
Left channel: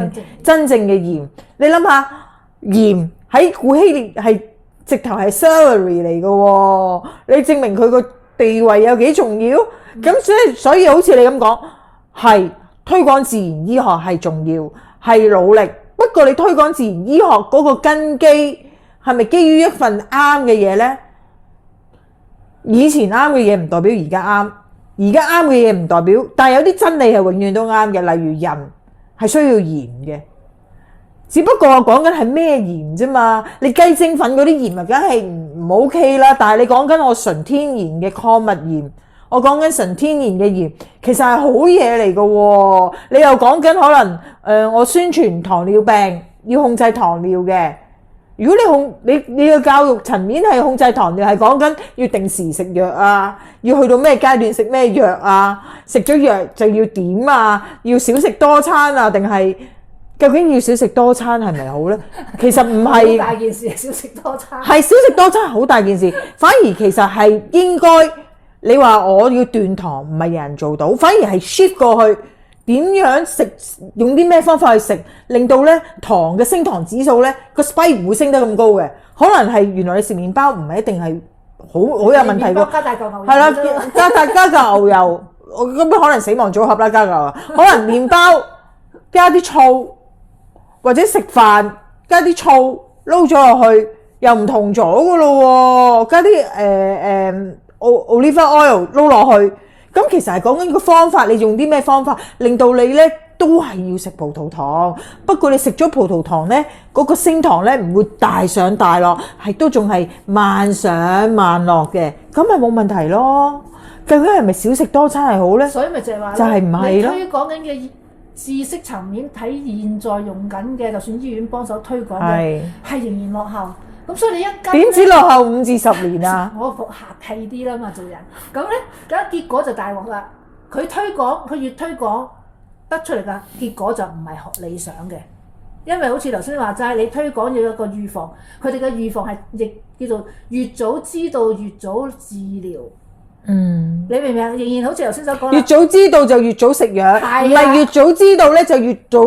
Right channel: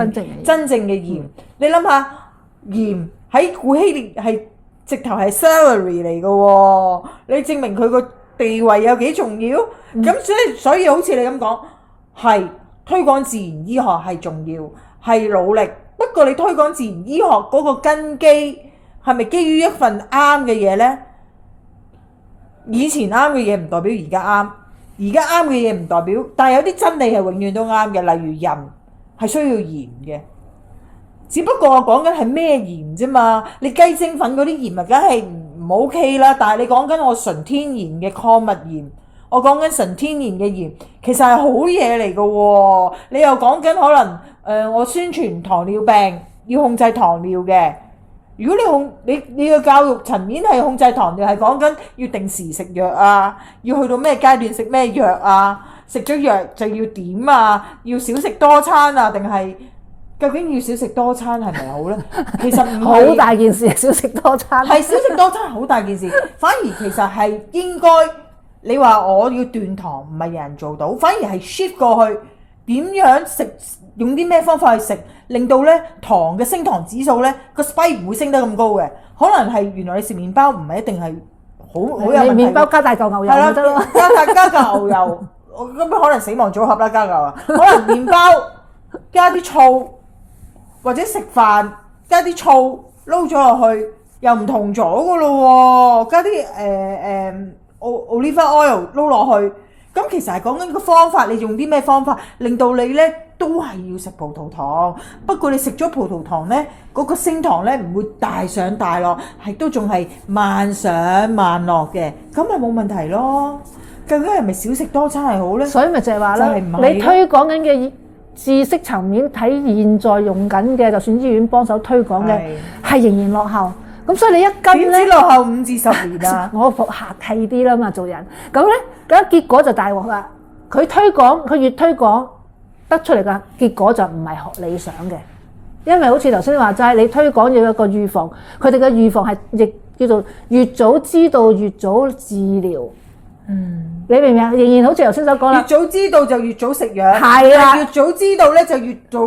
嘅鹽。你諗下，鹽喺古希臘係直頭係 celery 嚟嘅喎，你證明佢個地位有幾重要？咁所以好似你咁講，係推廣自然醫學係重要，係努力。不過你推廣自然醫學嗰個根基係咪基於一份啱嘅嘢呢？以前啱嘅嘢唔代表而家啱，而家啱嘅嘢唔代表，但係有啲真理係永遠都啱嘅。例如人係需要鹽嘅，只不過我講緊係咩鹽啫嘛。你雞精粉嗰啲鹽咪梗係唔 OK 啦，但係你講緊我純天然嘅礦物鹽，我講緊純天然嘅鹽，其實係好嘢嚟嘅喎。你又講緊可能我宣傳糖尿病要控制糖尿嘅。如果你嘅教育層面係控制糖尿，係講緊要定時食藥啊，要去到咩階段食咩藥啊，食咗藥就要點啊，要少食多餐啊，定係究竟要少食多餐係咪好呢？其實唔係好大件事，少食多餐係少食多餐好大件事，反而其實係應該你話我要斷糖，唔係人人做到，反而係 shift 過去。點樣食？用啲咩方法去食，令到咧糖嘅升糖指數咧個 spike 唔會升得咁高嘅？可能係原來你食麵包唔係一定係好有問題喎。麵包加大嚿牛油係啦，就得咯。加嚿牛油，我咁可能死亡組合啦，加嚿啊，可能麵包加啲醋，或者食飯加啲醋撈咗落去，又唔同咗噶咯喎，加啲olive oil 撈落去，咁其實係講緊個方法，你用啲咩方法令到你咧都係要食葡萄糖，不過你食咗葡萄糖咧，嗰個升糖咧唔會大上大落，係都仲係慢上慢落嘅，咁咪冇問題咯。究竟係咪少食多餐係好咧？所以咪就係話就係唔係咯你推廣緊嘅知識層面睇現在用緊嘅，就算醫院幫手推廣嘅，係仍然落後。咁所以你一跟點知落後5至10年啊？我客氣啲啦嘛，做人咁咧，咁結果就大鑊啦。佢推廣，佢越推廣得出嚟嘅結果就唔係學理想嘅，因為好似頭先話齋，你推廣要有一個預防，佢哋嘅預防係亦叫做越早知道越早治療。你明唔明啊？仍然好似頭先所講啦，越早知道就越早食藥，係啦越早知道咧就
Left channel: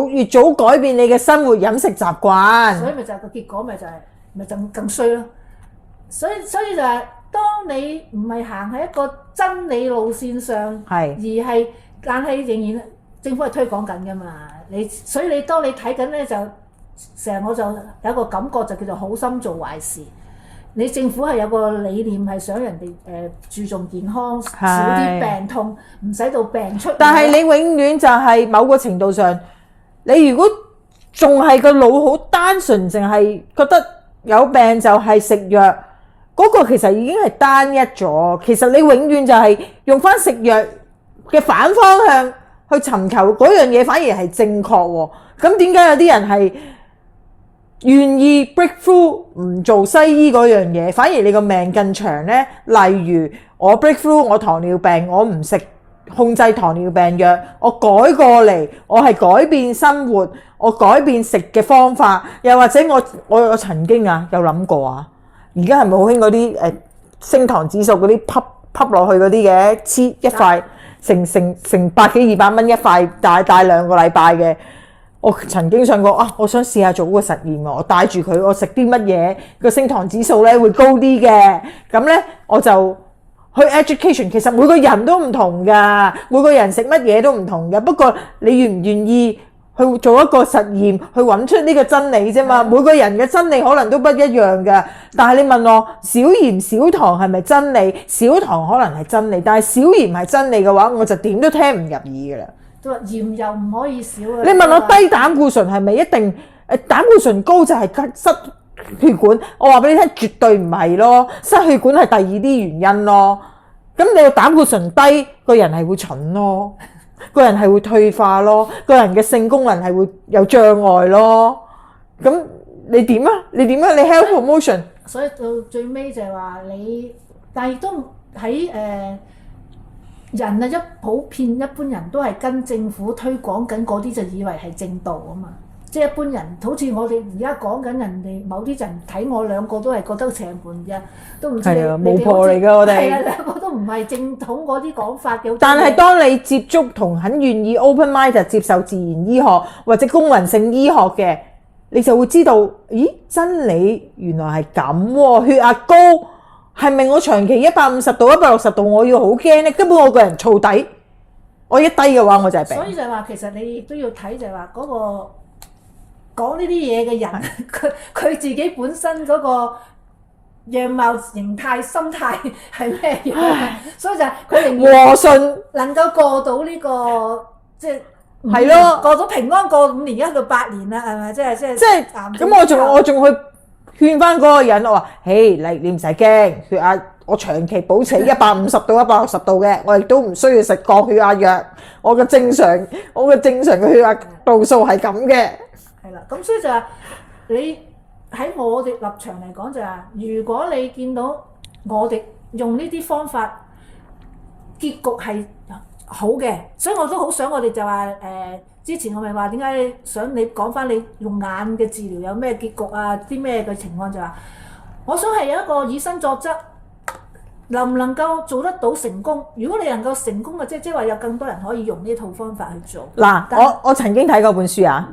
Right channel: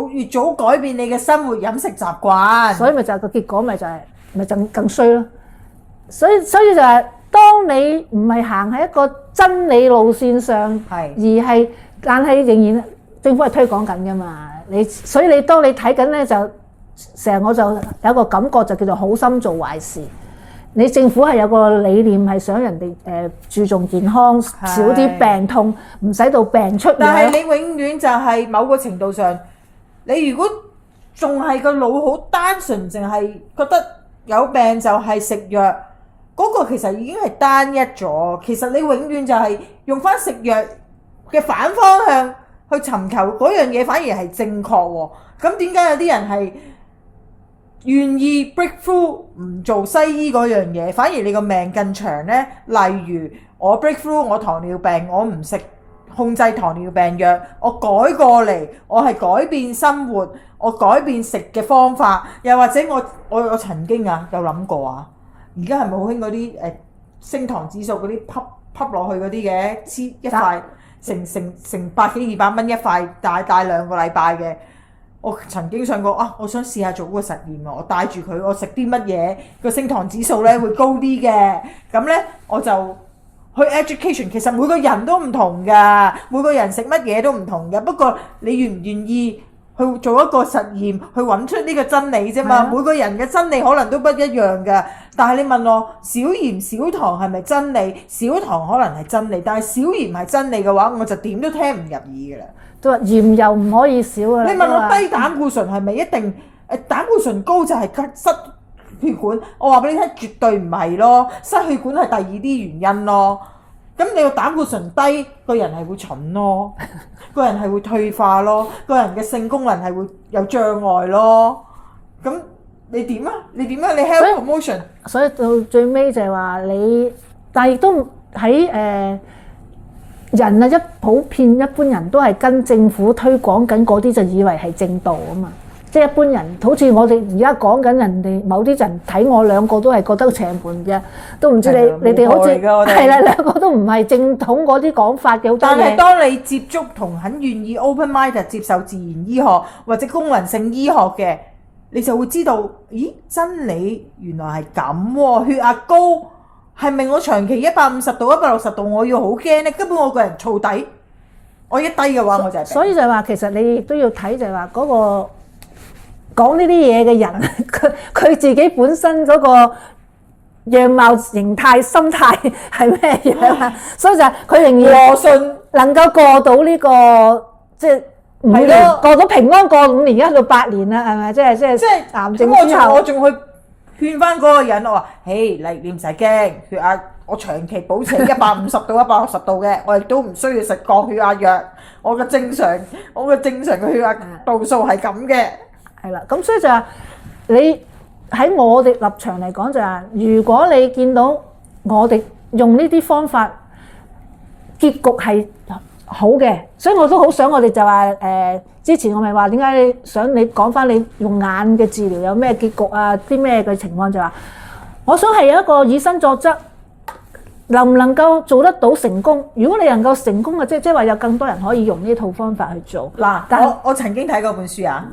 越早改變你嘅生活飲食習慣。所以咪就係個結果咪就係咪更衰咯。所以就係當你唔係行喺一個真理路線上，係但係仍然政府係推廣緊㗎嘛。所以當你睇緊咧，就成日我就有一個感覺就叫做好心做壞事。你政府係有個理念係想人哋注重健康，少啲病痛，唔使到病出現。但係你永遠就係某個程度上，你如果仲係個腦好單純，淨係覺得有病就係食藥，嗰個其實已經係單一咗。其實你永遠就係用翻食藥嘅反方向去尋求嗰樣嘢，反而係正確喎。咁點解有啲人係願意 breakthrough 唔做西醫嗰樣嘢，反而你個命更長呢？例如我 breakthrough 我糖尿病，我唔食控制糖尿病藥，我改過嚟，我係改變生活，我改變食嘅方法，又或者我曾經有諗過啊，而家係咪好興嗰啲升糖指數嗰啲吸落去嗰啲嘅，黐一塊成100幾200蚊一塊，大2個禮拜嘅。我曾經想過我想試下做個實驗喎，我帶住佢，我食啲乜嘢個升糖指數咧會高啲嘅，咁咧我就去 education。其實每個人都唔同㗎，每個人食乜嘢都唔同㗎。不過你願唔願意去做一個實驗，去揾出呢個真理啫嘛。每個人嘅真理可能都不一樣㗎。但係你問我少鹽少糖係咪真理？少糖可能係真理，但係少鹽係真理嘅話，我就點都聽唔入耳㗎啦。都話鹽又唔可以少啊！你問我低膽固醇係咪一定膽固醇高就係失血管？我話俾你聽，絕對唔係咯，失血管係第二啲原因咯。咁你個膽固醇低，個人係會蠢咯，個人係會退化咯，個人嘅性功能係會有障礙咯。咁你點啊？你 health promotion？所以到最尾就係話你，但係亦都喺人啊，普遍一般人都係跟政府推廣緊嗰啲，就以為係正道啊嘛。即係一般人，好似我哋而家講緊人哋某啲人睇我兩個都係覺得邪門嘅，都唔知你哋好似係啦，兩個都唔係正統嗰啲講法嘅。但係當你接觸同很願意 open mind 接受自然醫學或者功能性醫學嘅，你就會知道，咦，真理原來係咁喎。血壓高係咪我長期150度、160度我要好驚呢？根本我個人燥底，我一低嘅話我就係病。所以就係話，其實你亦都要睇就係話嗰個講呢啲嘢嘅人，佢自己本身嗰個樣貌、形態、心態係咩樣？所以就係佢仍然和順能夠過到呢個即係5年，過到平安過5年，而家到8年啦，係咪？即係癌症之後，我仲去勸翻嗰個人，我話：嘿，你唔使驚，血壓我長期保持150到160度嘅，我亦都唔需要食降血壓藥，我嘅正常嘅血壓度數係咁嘅。係啦，咁所以就係你喺我哋立場嚟講就係，如果你見到我哋用呢啲方法，結局係好嘅，所以我都好想我哋就話之前我咪話點解你想你講翻你用眼嘅治療有咩結局啊？啲咩嘅情況就話，我想係有一個以身作則，能唔能夠做得到成功？如果你能夠成功嘅，即係話有更多人可以用呢套方法去做。嗱，我曾經睇過本書啊。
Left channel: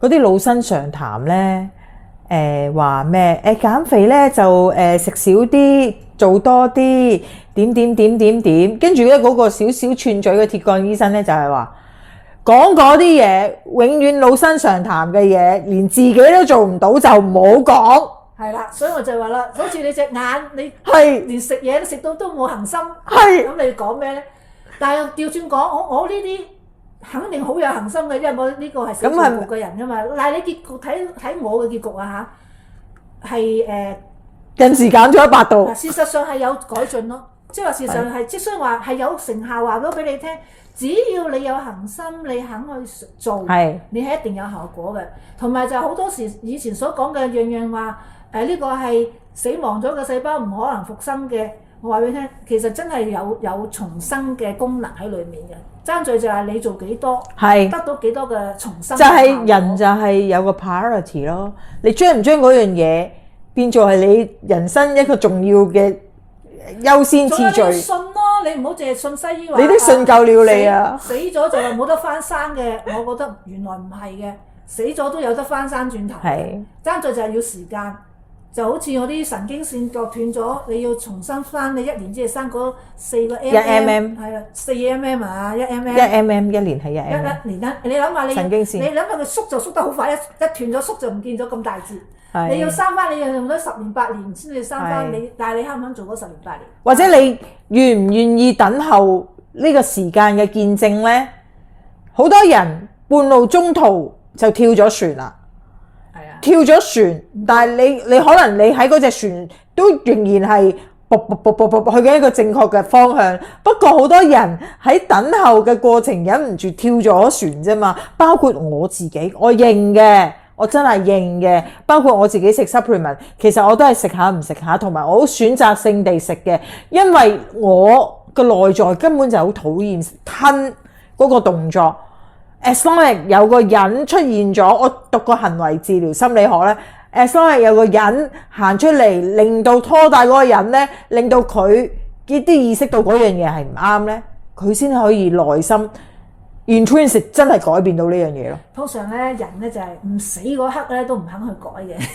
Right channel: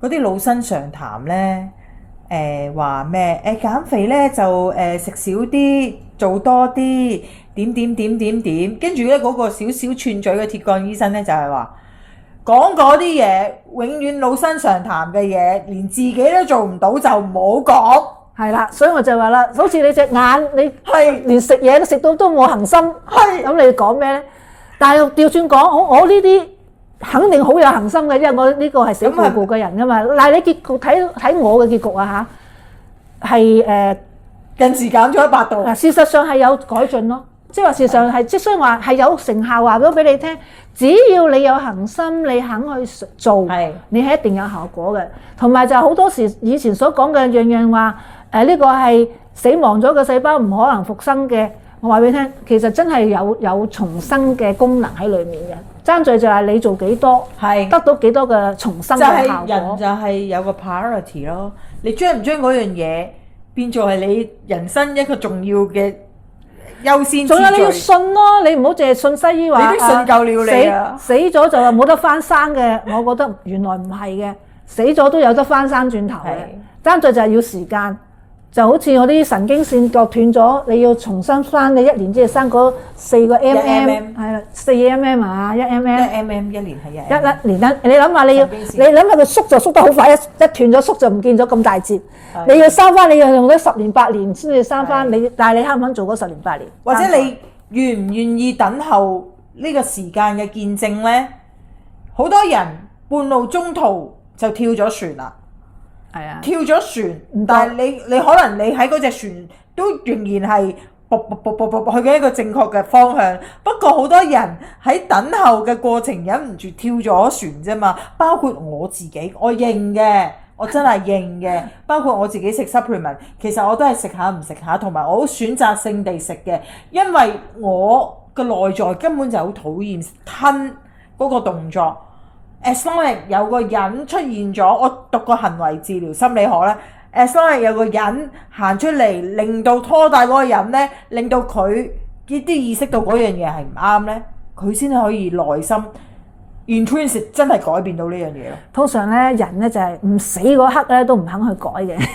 嗰啲老生常談咧，話咩？減肥咧就食少啲，做多啲點，跟住咧嗰個少少串嘴嘅鐵桿醫生咧就係話講嗰啲嘢永遠老生常談嘅嘢，連自己都做唔到就唔好講。係啦，所以我就話啦，好似你隻眼，你係連食嘢都食到都冇恒心，係咁你講咩咧？但係調轉講，我呢啲肯定好有恒心嘅，因為我呢個係死固固嘅人噶嘛。但係你結局睇我嘅結局啊嚇，係近時減咗100度。事實上係有改進咯，即係話事實上係，即雖然話係有成效，話咗俾你聽，只要你有恒心，你肯去做，你係一定有效果嘅。同埋就好多時以前所講嘅樣樣話，呢個係死亡咗嘅細胞唔可能復生嘅。我話俾你聽，其實真係有重生嘅功能喺裡面嘅。爭在就係你做幾多，得到幾多嘅重生嘅效果。就係人就係有個 priority 咯。你將唔將嗰樣嘢變做係你人生一個重要嘅優先次序？仲有你要信咯，你唔好淨係信西醫話。你都信夠了你啊！死咗就話冇得翻生嘅，我覺得原來唔係嘅，死咗都有得翻生轉頭嘅。爭在就係要時間。就好似我啲神經線割斷咗，你要重新翻，你1年之後生嗰4個 mm， 係啦，4 mm 啊，1 mm， 1 mm 一年係1 mm， 一年你諗下你諗下佢縮就縮得好快，一斷咗縮就唔見咗咁大截。你要生翻，你要用咗10年8年先至生翻，但係你肯唔肯做嗰10年8年？或者你願唔願意等候呢個時間嘅見證咧？好多人半路中途就跳咗船啦。跳咗船，但係你可能你喺嗰隻船都仍然係去緊一個正確嘅方向。不過好多人喺等候嘅過程忍唔住跳咗船啫嘛。包括我自己，我認嘅，我真係認嘅。包括我自己食 supplement， 其實我都係食下唔食下，同埋我好選擇性地食嘅，因為我個內在根本就好討厭吞嗰個動作。As long as 有個人出現咗，我讀過行為治療心理學咧。As long as 有個人行出嚟，令到拖大嗰個人咧，令到佢啲意識到嗰樣嘢係唔啱咧，佢先可以內心 intrinsic 真係改變到呢樣嘢咯。通常咧人咧就係唔死嗰刻咧都唔肯去改嘅，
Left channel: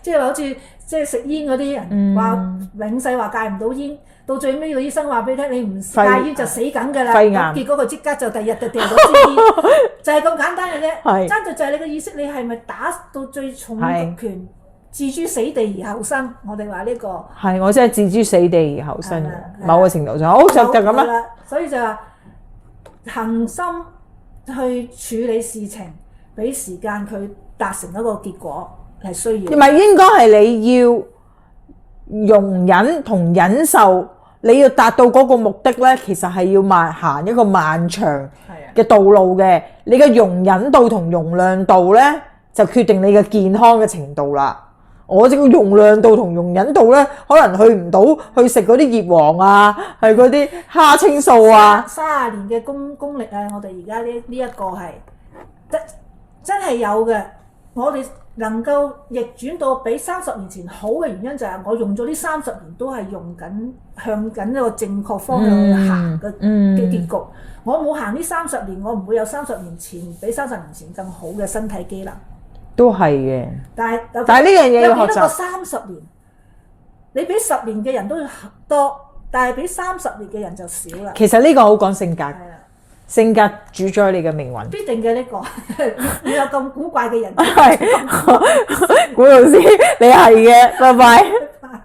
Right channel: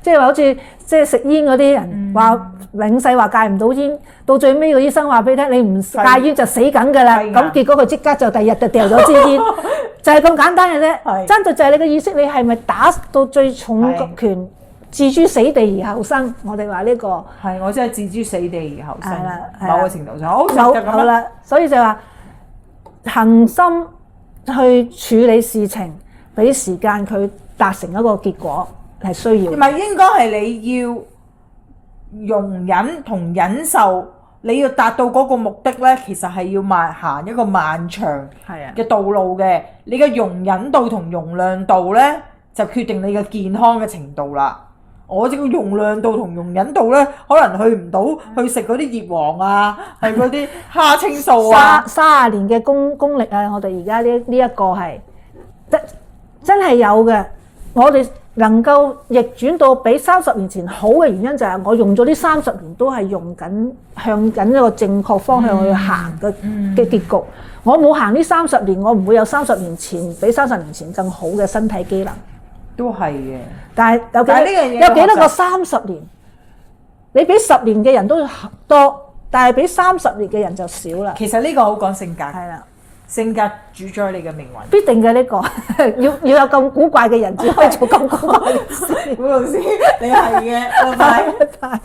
即係話好似即係食煙嗰啲人話永世話戒唔到煙。到最尾個醫生話俾你聽，你唔戒煙就死緊㗎啦。咁結果佢即刻就第二日就掉咗支煙，就係咁簡單嘅啫。爭在就係你嘅意識，你係咪打到最重拳，置諸死地而後生？我哋話呢個係我真係置諸死地而後生。某個程度上，好就咁啦。所以就話恆心去處理事情，俾時間佢達成一個結果係需要。唔係應該係你要容忍同忍受。你要達到嗰個目的咧，其實係要行一個漫長嘅道路嘅。你嘅容忍度同容量度咧，就決定你嘅健康嘅程度啦。我這個容量度同容忍度咧，可能去唔到去食嗰啲葉黃啊，係嗰啲蝦青素啊。30年嘅功力啊，我哋而家呢一個係真係有嘅。我哋能夠逆轉到比30年前好嘅原因就係我用咗呢30年都係用緊向緊一個正確方向去行嘅結局。我冇行呢30年，我唔會有30年前比30年前更好嘅身體機能。都係嘅。但係呢樣嘢有幾多個30年？你比10年嘅人都多，但係比30年嘅人就少啦。其實呢個好講性格。係啦。性格主宰你嘅命運，必定嘅呢個要有咁古怪嘅人先可以咁古怪。古老師，你係嘅，拜拜。